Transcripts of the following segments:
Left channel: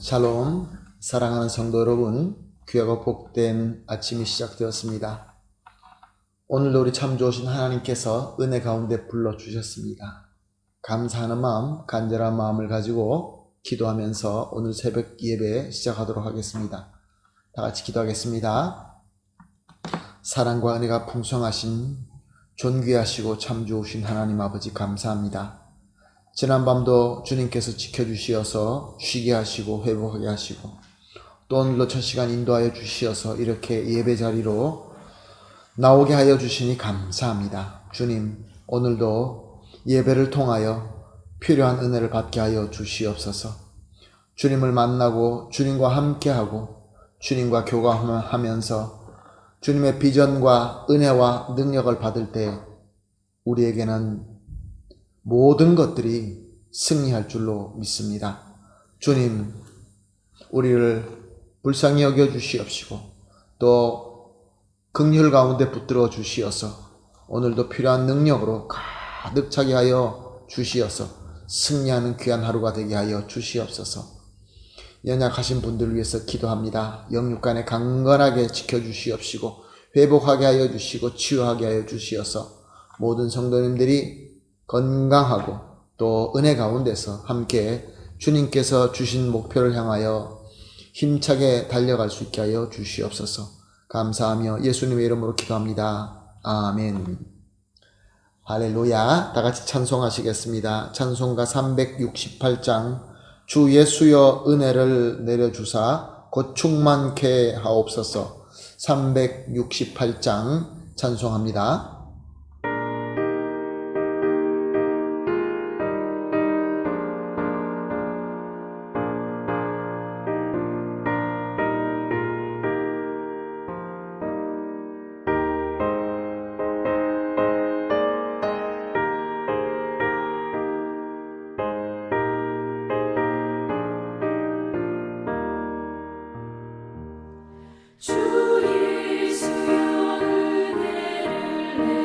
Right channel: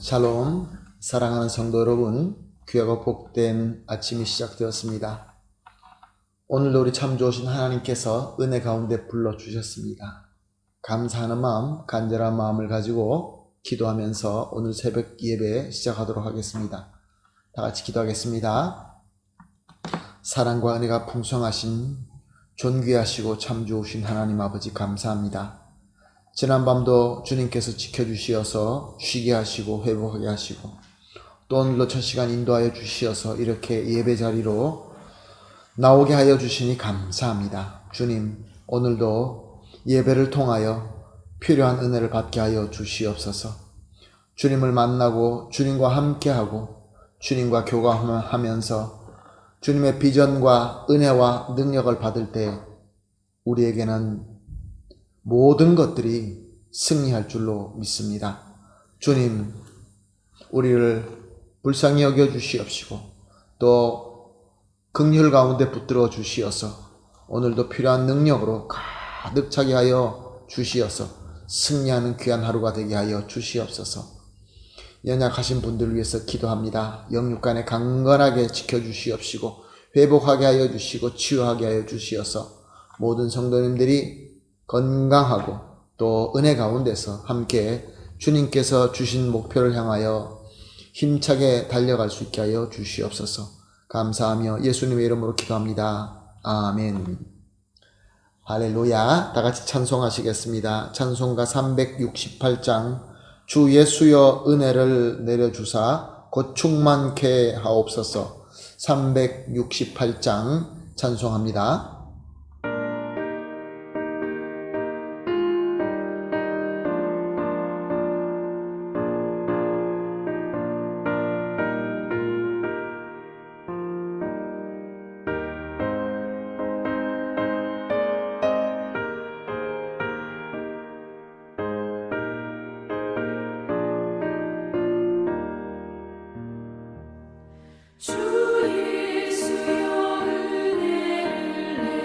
샬롬, 사랑하는 성도 여러분, 귀하고 복된 아침이 시작되었습니다. 오늘도 우리 참 좋으신 하나님께서 은혜 가운데 불러주셨습니다. 감사하는 마음, 간절한 마음을 가지고 기도하면서 오늘 새벽 예배 시작하도록 하겠습니다. 다 같이 기도하겠습니다. 사랑과 은혜가 풍성하신 존귀하시고 참 좋으신 하나님 아버지 감사합니다. 지난밤도 주님께서 지켜주시어서 쉬게 하시고 회복하게 하시고 또 오늘도 첫 시간 인도하여 주시어서 이렇게 예배 자리로 나오게 하여 주시니 감사합니다. 주님, 오늘도 예배를 통하여 필요한 은혜를 받게 하여 주시옵소서. 주님을 만나고 주님과 함께하고 주님과 교감하면서 주님의 비전과 은혜와 능력을 받을 때 우리에게는 모든 것들이 승리할 줄로 믿습니다. 주님, 우리를 불쌍히 여겨 주시옵시고 또 긍휼 가운데 붙들어 주시어서 오늘도 필요한 능력으로 가득 차게 하여 주시어서 승리하는 귀한 하루가 되게 하여 주시옵소서. 연약하신 분들을 위해서 기도합니다. 영육간에 강건하게 지켜주시옵시고 회복하게 하여 주시고 치유하게 하여 주시어서 모든 성도님들이 건강하고 또 은혜 가운데서 함께 주님께서 주신 목표를 향하여 힘차게 달려갈 수 있게 하여 주시옵소서. 감사하며 예수님의 이름으로 기도합니다. 아멘. 할렐루야. 다같이 찬송하시겠습니다. 찬송가 368장 주 예수여 은혜를 내려주사 곧 충만케 하옵소서. 368장 찬송합니다. 주 예수여 은혜를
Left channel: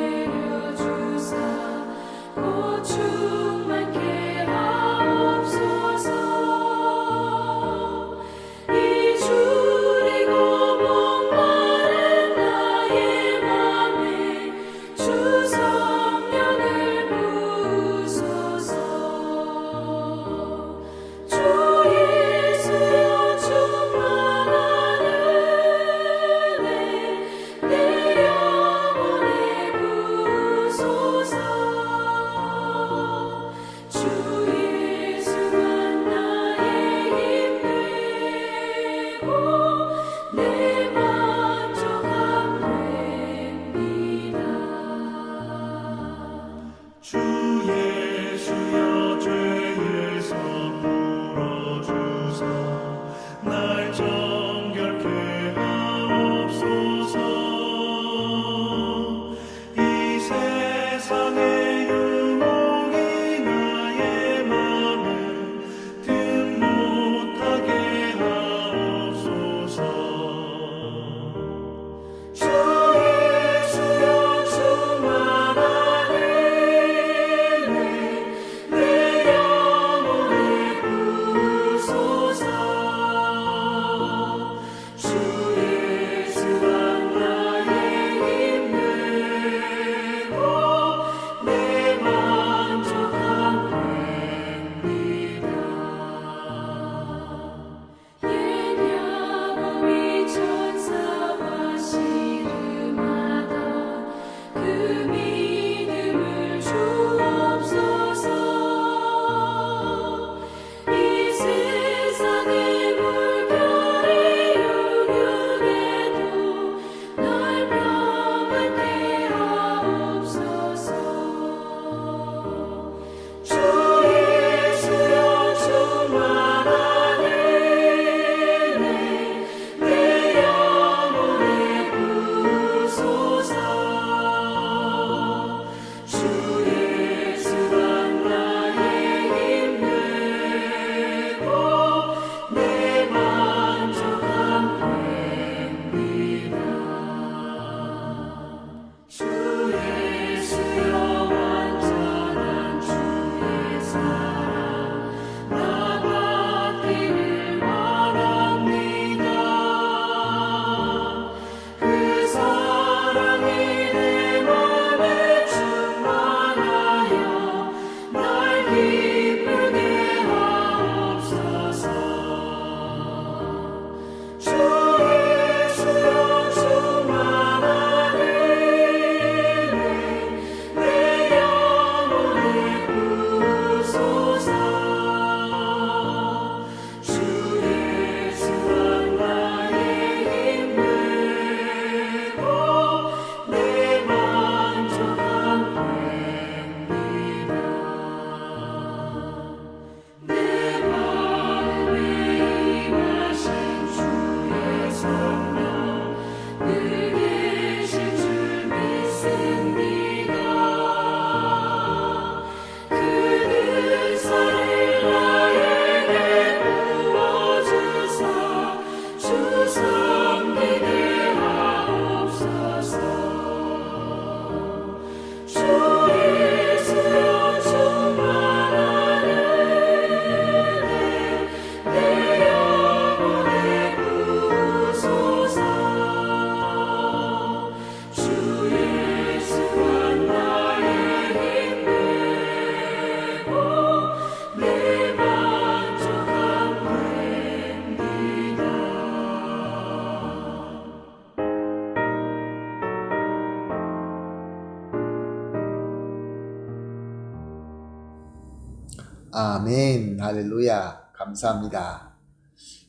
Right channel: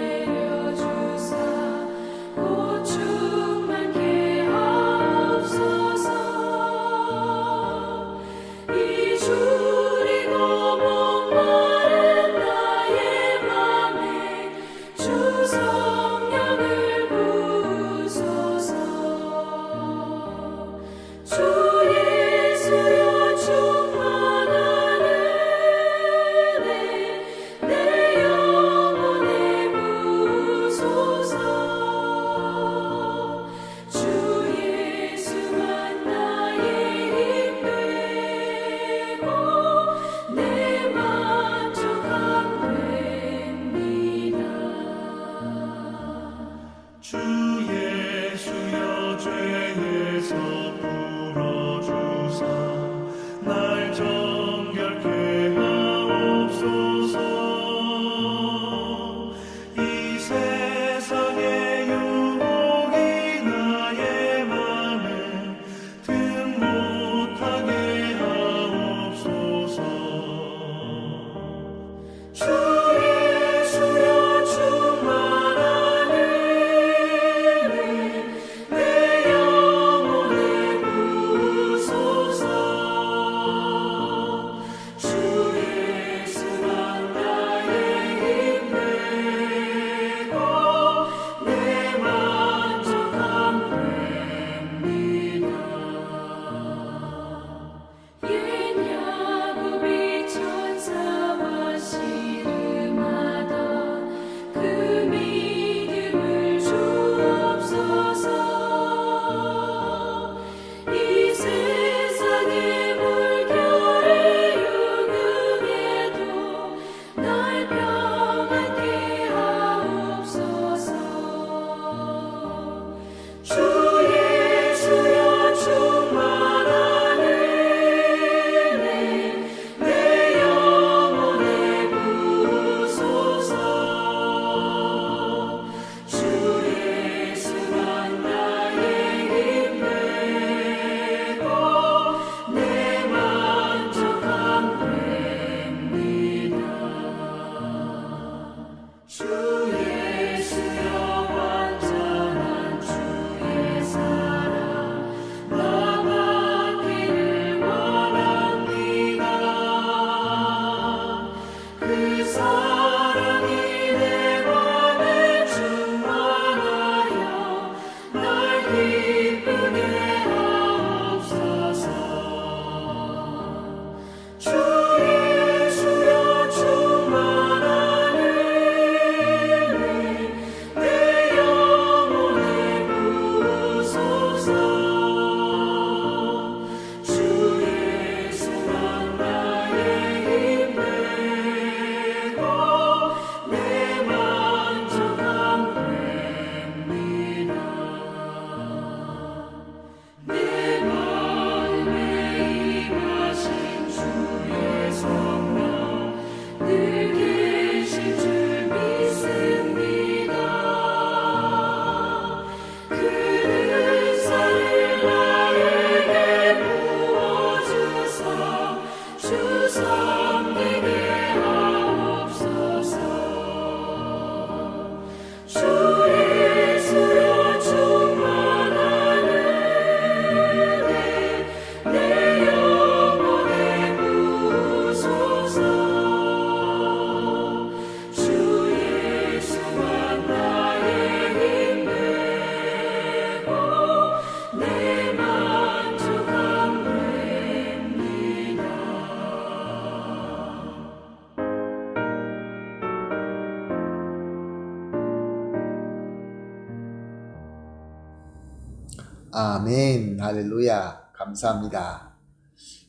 아멘. 할렐루야. 감사합니다.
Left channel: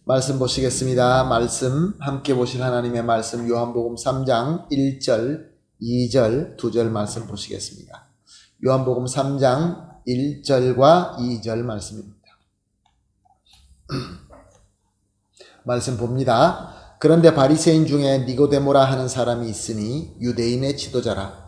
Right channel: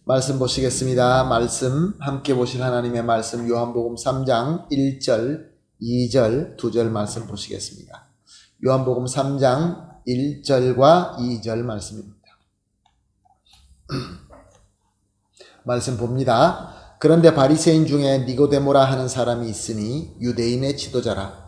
말씀 보시겠습니다. 말씀 함께 보실 하나님의 말씀 요한복음 3장 1절, 2절, 2절 말씀 보시겠습니다. 요한복음 3장 1절과 2절 말씀입니다. 말씀 봅니다. 그런데 바리새인 중에 니고데모라 하는 사람이 있으니 유대인의 지도자라.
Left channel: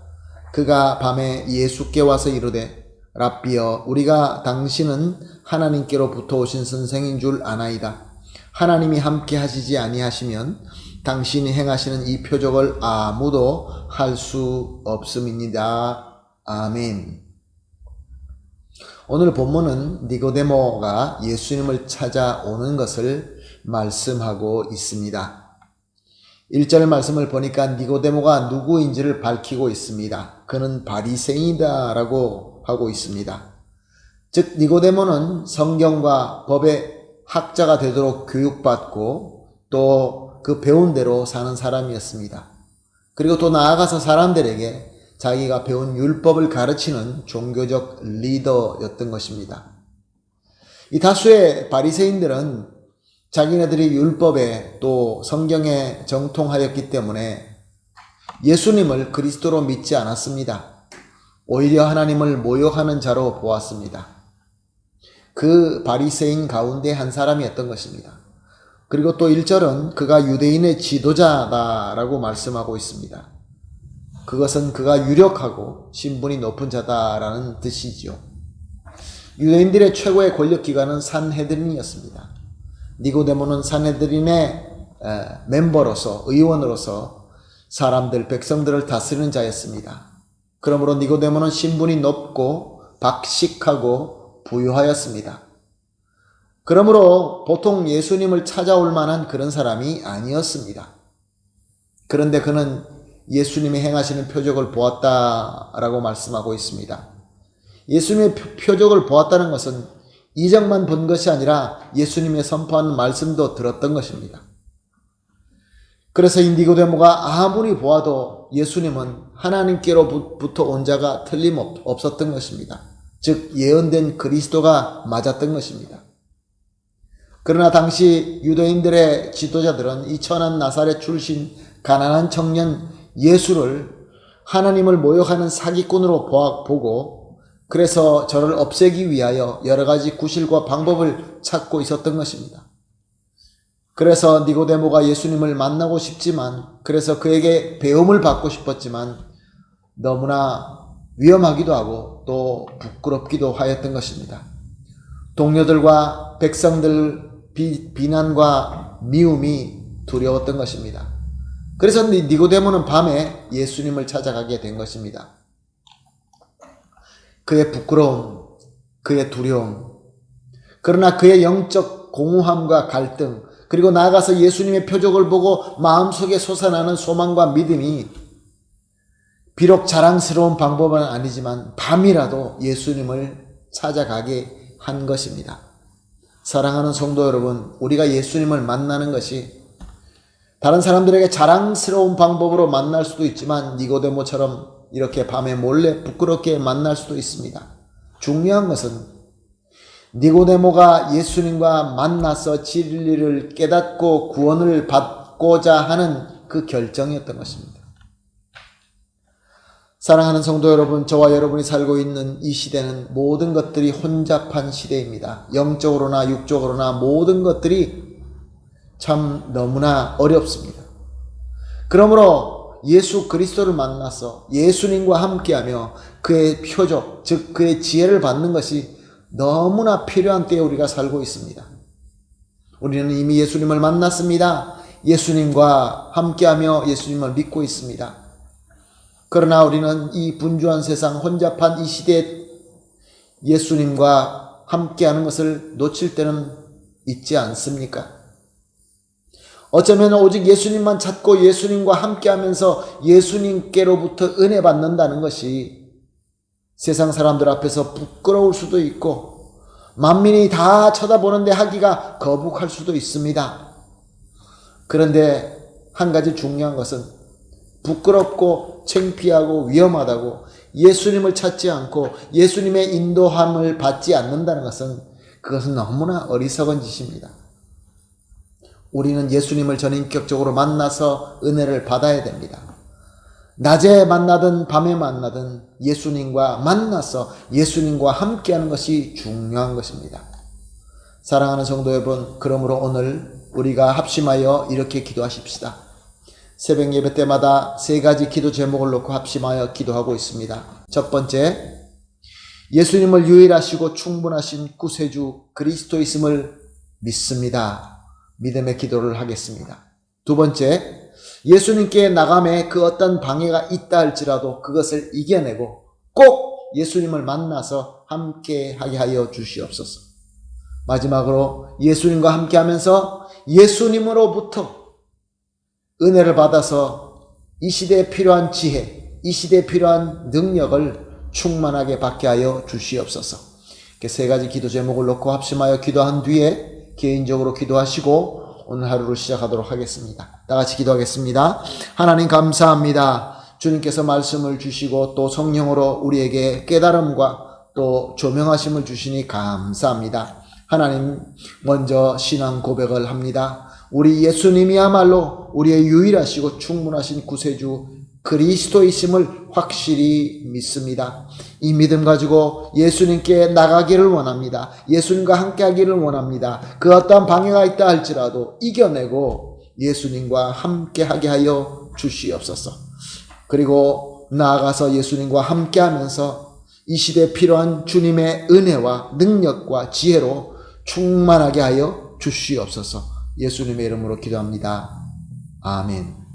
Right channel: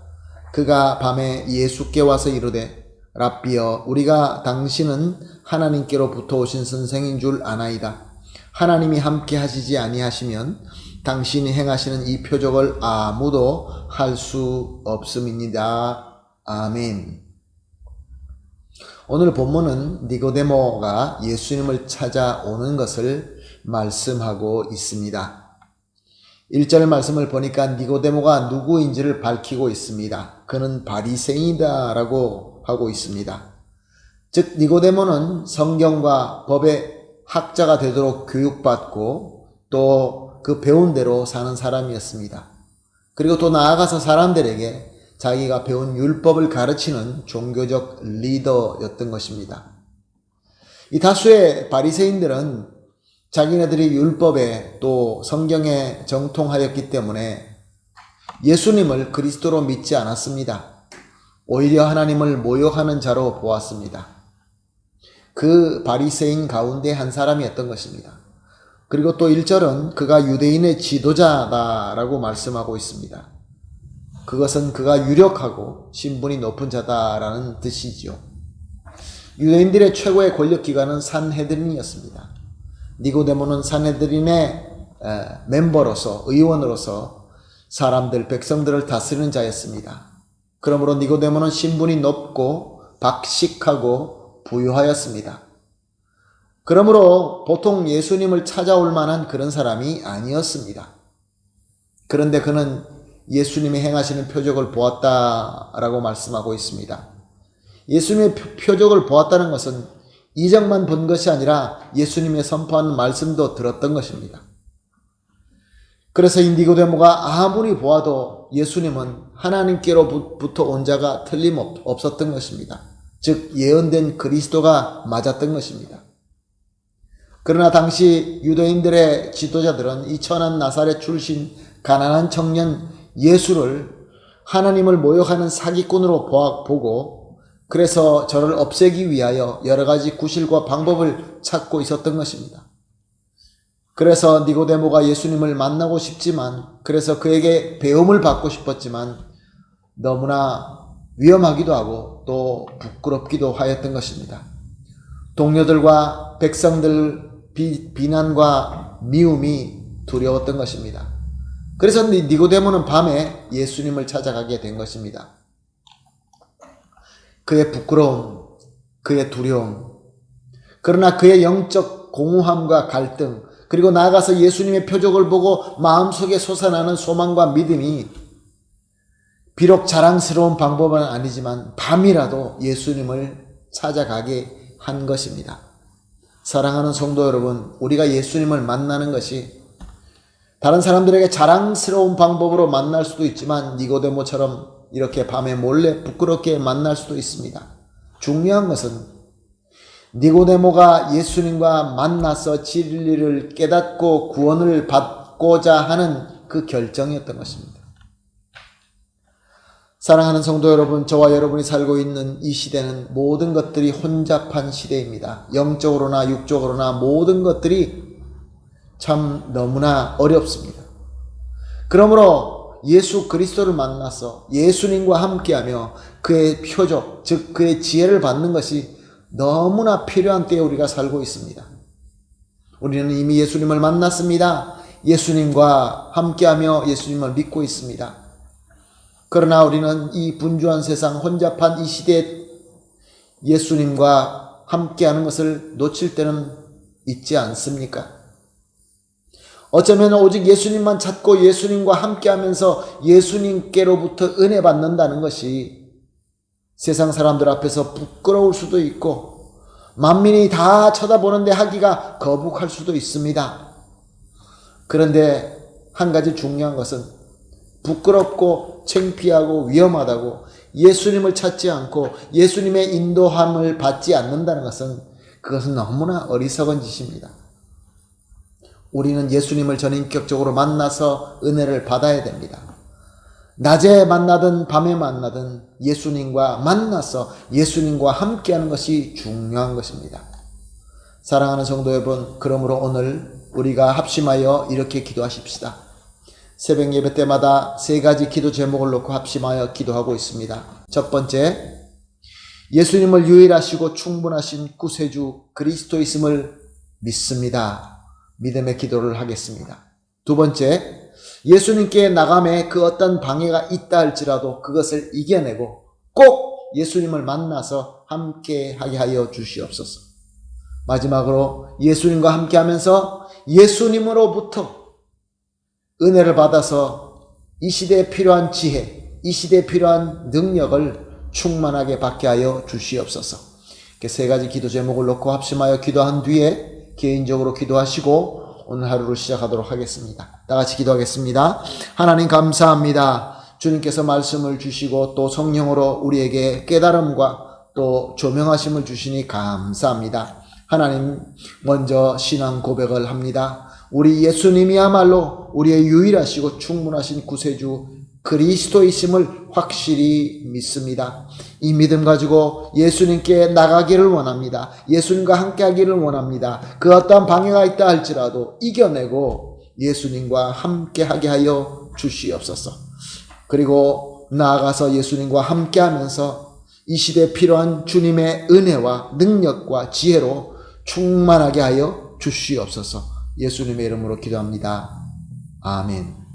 그가 밤에 예수께 와서 이르되 랍비여 우리가 당신은 하나님께로부터 오신 선생인 줄 아나이다. 하나님이 함께 하시지 아니하시면 당신이 행하시는 이 표적을 아무도 할 수 없음이니이다. 아멘. 오늘 본문은 니고데모가 예수님을 찾아오는 것을 말씀하고 있습니다. 1절 말씀을 보니까 니고데모가 누구인지를 밝히고 있습니다. 그는 바리새인이다 라고 하고 있습니다. 즉 니고데모는 성경과 법의 학자가 되도록 교육받고 또 그 배운 대로 사는 사람이었습니다. 그리고 또 나아가서 사람들에게 자기가 배운 율법을 가르치는 종교적 리더였던 것입니다. 이 다수의 바리새인들은 자기네들이 율법에 또 성경에 정통하였기 때문에 예수님을 그리스도로 믿지 않았습니다. 오히려 하나님을 모욕하는 자로 보았습니다. 그 바리새인 가운데 한 사람이었던 것입니다. 그리고 또 1절은 그가 유대인의 지도자다라고 말씀하고 있습니다. 그것은 그가 유력하고 신분이 높은 자다라는 뜻이죠. 유대인들의 최고의 권력기관은 산헤드린이었습니다. 니고데모는 산헤드린의 멤버로서 의원으로서 사람들, 백성들을 다스리는 자였습니다. 그러므로 니고데모는 신분이 높고 박식하고 부유하였습니다. 그러므로 보통 예수님을 찾아올 만한 그런 사람이 아니었습니다. 그런데 그는 예수님이 행하시는 표적을 보았다라고 말씀하고 있습니다. 예수님의 표적을 보았다는 것은 이적만 본 것이 아니라 예수님의 선포하는 말씀도 들었던 것입니다. 그래서 이 니고데모가 아무리 보아도 예수님은 하나님께로부터 온 자가 틀림없었던 것입니다. 즉 예언된 그리스도가 맞았던 것입니다. 그러나 당시 유대인들의 지도자들은 이 천한 나사렛 출신 가난한 청년 예수를 하나님을 모욕하는 사기꾼으로 보고 그래서 저를 없애기 위하여 여러 가지 구실과 방법을 찾고 있었던 것입니다. 그래서 니고데모가 예수님을 만나고 싶지만 그래서 그에게 배움을 받고 싶었지만 너무나 위험하기도 하고 또 부끄럽기도 하였던 것입니다. 동료들과 백성들 비난과 미움이 두려웠던 것입니다. 그래서 니고데모는 밤에 예수님을 찾아가게 된 것입니다. 그의 부끄러움, 그의 두려움, 그러나 그의 영적 공허함과 갈등, 그리고 나아가서 예수님의 표적을 보고 마음속에 솟아나는 소망과 믿음이 비록 자랑스러운 방법은 아니지만 밤이라도 예수님을 찾아가게 한 것입니다. 사랑하는 성도 여러분, 우리가 예수님을 만나는 것이 다른 사람들에게 자랑스러운 방법으로 만날 수도 있지만 니고데모처럼 이렇게 밤에 몰래 부끄럽게 만날 수도 있습니다. 중요한 것은 니고데모가 예수님과 만나서 진리를 깨닫고 구원을 받고자 하는 그 결정이었던 것입니다. 사랑하는 성도 여러분, 저와 여러분이 살고 있는 이 시대는 모든 것들이 혼잡한 시대입니다. 영적으로나 육적으로나 모든 것들이 참 너무나 어렵습니다. 그러므로 예수 그리스도를 만나서 예수님과 함께하며 그의 표적, 즉 그의 지혜를 받는 것이 너무나 필요한 때에 우리가 살고 있습니다. 우리는 이미 예수님을 만났습니다. 예수님과 함께하며 예수님을 믿고 있습니다. 그러나 우리는 이 분주한 세상, 혼잡한 이 시대에 예수님과 함께하는 것을 놓칠 때는 있지 않습니까? 어쩌면 오직 예수님만 찾고 예수님과 함께하면서 예수님께로부터 은혜 받는다는 것이 세상 사람들 앞에서 부끄러울 수도 있고 만민이 다 쳐다보는데 하기가 거북할 수도 있습니다. 그런데 한 가지 중요한 것은 부끄럽고 창피하고 위험하다고 예수님을 찾지 않고 예수님의 인도함을 받지 않는다는 것은 그것은 너무나 어리석은 짓입니다. 우리는 예수님을 전인격적으로 만나서 은혜를 받아야 됩니다. 낮에 만나든 밤에 만나든 예수님과 만나서 예수님과 함께하는 것이 중요한 것입니다. 사랑하는 성도 여러분, 그러므로 오늘 우리가 합심하여 이렇게 기도하십시다. 새벽 예배 때마다 3가지 기도 제목을 놓고 합심하여 기도하고 있습니다. 첫 번째, 예수님을 유일하시고 충분하신 구세주 그리스도이심을 믿습니다. 믿음의 기도를 하겠습니다. 두 번째, 예수님께 나감에 그 어떤 방해가 있다 할지라도 그것을 이겨내고 꼭 예수님을 만나서 함께 하게 하여 주시옵소서. 마지막으로 예수님과 함께 하면서 예수님으로부터 은혜를 받아서 이 시대에 필요한 지혜, 이 시대에 필요한 능력을 충만하게 받게 하여 주시옵소서. 이렇게 3가지 기도 제목을 놓고 합심하여 기도한 뒤에 개인적으로 기도하시고 오늘 하루를 시작하도록 하겠습니다. 다 같이 기도하겠습니다. 하나님 감사합니다. 주님께서 말씀을 주시고 또 성령으로 우리에게 깨달음과 또 조명하심을 주시니 감사합니다. 하나님, 먼저 신앙 고백을 합니다. 우리 예수님이야말로 우리의 유일하시고 충분하신 구세주 그리스도이심을 확실히 믿습니다. 이 믿음 가지고 예수님께 나가기를 원합니다. 예수님과 함께 하기를 원합니다. 그 어떠한 방해가 있다 할지라도 이겨내고 예수님과 함께 하게 하여 주시옵소서. 그리고 나아가서 예수님과 함께 하면서 이 시대에 필요한 주님의 은혜와 능력과 지혜로 충만하게 하여 주시옵소서. 예수님의 이름으로 기도합니다. 아멘.